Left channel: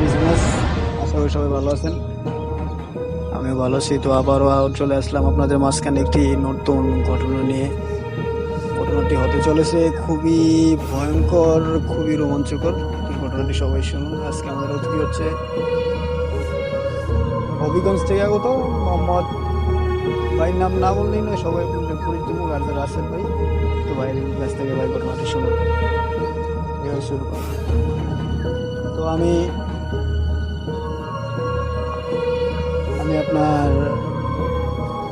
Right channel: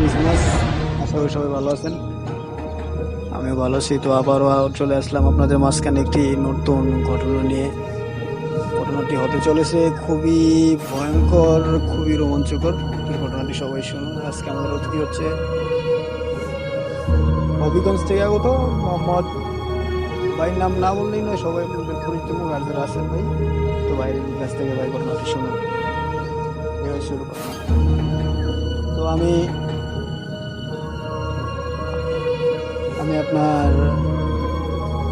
Listeners, আশা করি সবাই ভালো আছেন। আমিও ভালো আছি। তো আবারও চলে আসলাম আপনাদের মাঝখানে একটি নতুন ঘটনা নিয়ে। ঘটনাটি হতে চলেছে খুবই ভয়ঙ্কর, খুবই রোমাঞ্চকর। এই ঘটনাটি সবাই শুনুন। আজকে আমাদের অতিথি হচ্ছে হবিগঞ্জ থেকে আগত মোহাম্মদ ভাই। নাম না বললেই নয়, সবাই আপনাদের পরিচিত মুখ আর যারা আছেন ভাই। তো ভাইয়ের কাছ থেকে ভাই ঘটনাটি শুনুন। এভাবে শুরু করুন। তো আমি আমি আপনার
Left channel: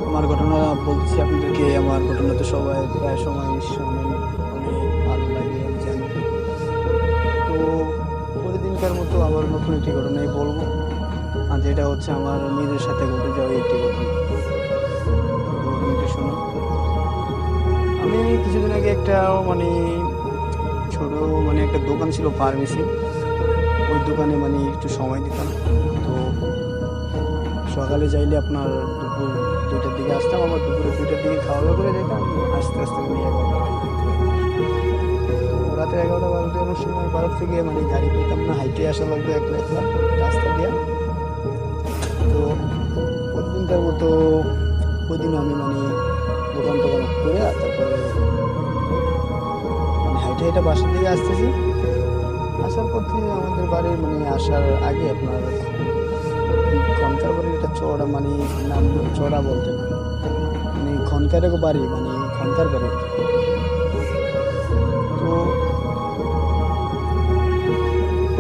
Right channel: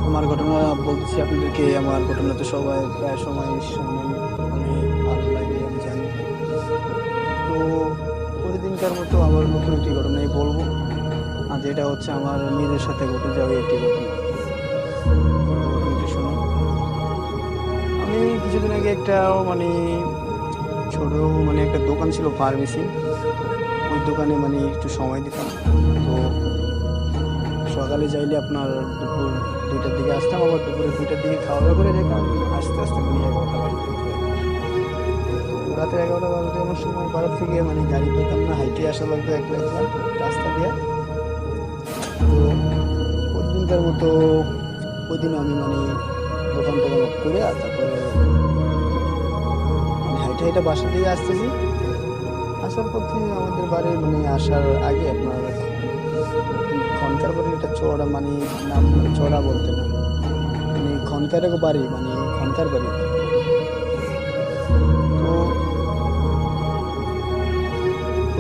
আমার ঘটনা বলতেছি আপনাদেরকে। আমার ঘটনা তো সবাই প্রায় সময় শোনেন, অনেক ভালো লাগে আমি জানি। তো প্রতিদিনকার মতো আবার নতুন একটি ঘটনাই বলবো, আর যেটা হচ্ছে আমার নিজের সাথে ঘটে যাওয়া একটি ঘটনা। তো ঘটনাটি শুনুন। আমি কিছুদিন আগে একটা মানে ছোট একটা দোকান ছিল, ফার্মেসি। ওই দোকানে একটু সময় দিতাম। তো সকালে যাইলে আপনার দুপুর 2টার দিকে আসতাম, আবার দুপুরে 2টার দিকে খাওয়া দাওয়া করে যেতাম। আস্তে আস্তে 11টা বাজে দিত। তো রাতে 11টা বাজতে এমন সময় বাজার থেকে গাড়ি পেতাম না, হাইটে আসা লাগতো একলা একলা রাস্তা দিয়া। তো প্রতিদিনকার মতো ওই দিন আমি দোকান টোকান অফ করে তারপরে হাইটে হাইটে বাসার দিকে আসতেছি। আসার পথে আমাদের বাড়ির আসার আগে আপনার খনকার বাড়ির একটা চড়া নাম চড়া বলতে না, খনকার বাড়ি, খনকার বাড়ি। তো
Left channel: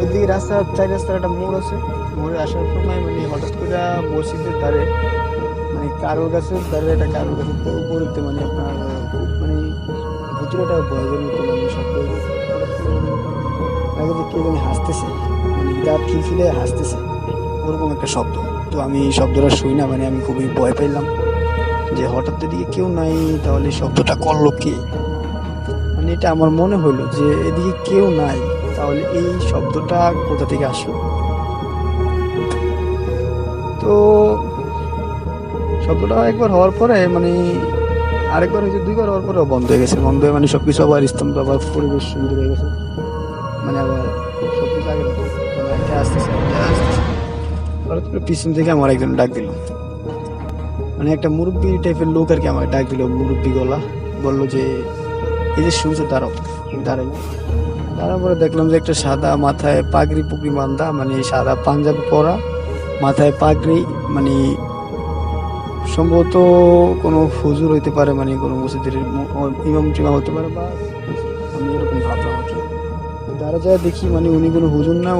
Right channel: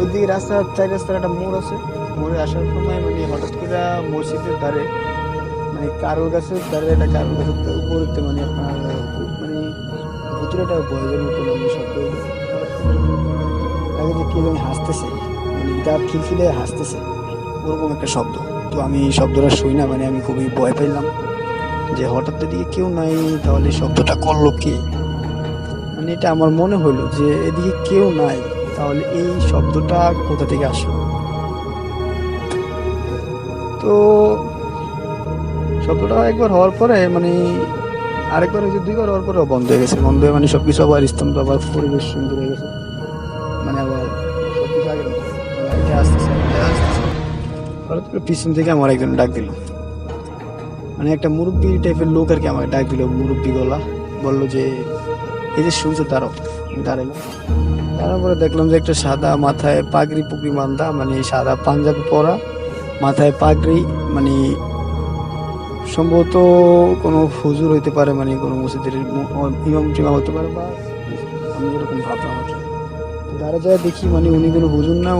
ওইদিকে রাস্তার 4 রাস্তার একটা মোড় আছে। মোড়ে আসার সময় হঠাৎ করে মসজিদের ধারে কারোল গাছের ধারে একটা কারোল গাছের উপরেতে আপনার খুব ভুতুরে একটা বয়সের মতো শব্দ হইলো। হঠাৎ করে লাগে যে কে যেন হাসতেছে, দাঁত খিলখিলে হাসতেছে, ওরকম একটা শব্দ। তো আমি শব্দটা শুই না, আমি খুবই ভয় পাইলাম যে হঠাৎ এদিকে কেউ নাই, তাহলে শব্দটা করলো কে। এটা আমার মনে হইলো যে এদিকে কেউ নাই, তাহলে এই শব্দটা কোথা থেকে আসলো। তো শব্দটা একবার হওয়ার পরে আরেকবার হয়েছে, 2বার হওয়ার পরে বন্ধ হয়ে গেছে। বন্ধ হয়ে সবকিছু আবার স্তব্ধ, আবার পরিবেশ সুন্দর হয়ে গেছে। আবার সবকিছু আগের মতো এটা আসতেছে আসতেছে। হঠাৎ করে পিছন থেকে আমার একজন ডাক দিল, একটা মুরব্বী টাইপের লোক আর কি আমাকে ডাক দিল, মুরব্বী গলা। বললো যে এই যে শুনছো, দাঁড়াও। দাঁড়ালাম। দাঁড়ার পরে দেখলাম যে একটা সাদা মাথায় পাগড়ি পুগড়ি বান্ধা, সাদা পাঞ্জাবি পরা, মাথায় পাগড়ি, সম্ভবত কোনো হুজুর হইতে পারে, কোনো মসজিদের ইমাম টিমাম হতে পারে, বা আমি এরকম ভাবলাম আর কি। দাঁড়া যায় দেখি উনি কোনো হুজুর না,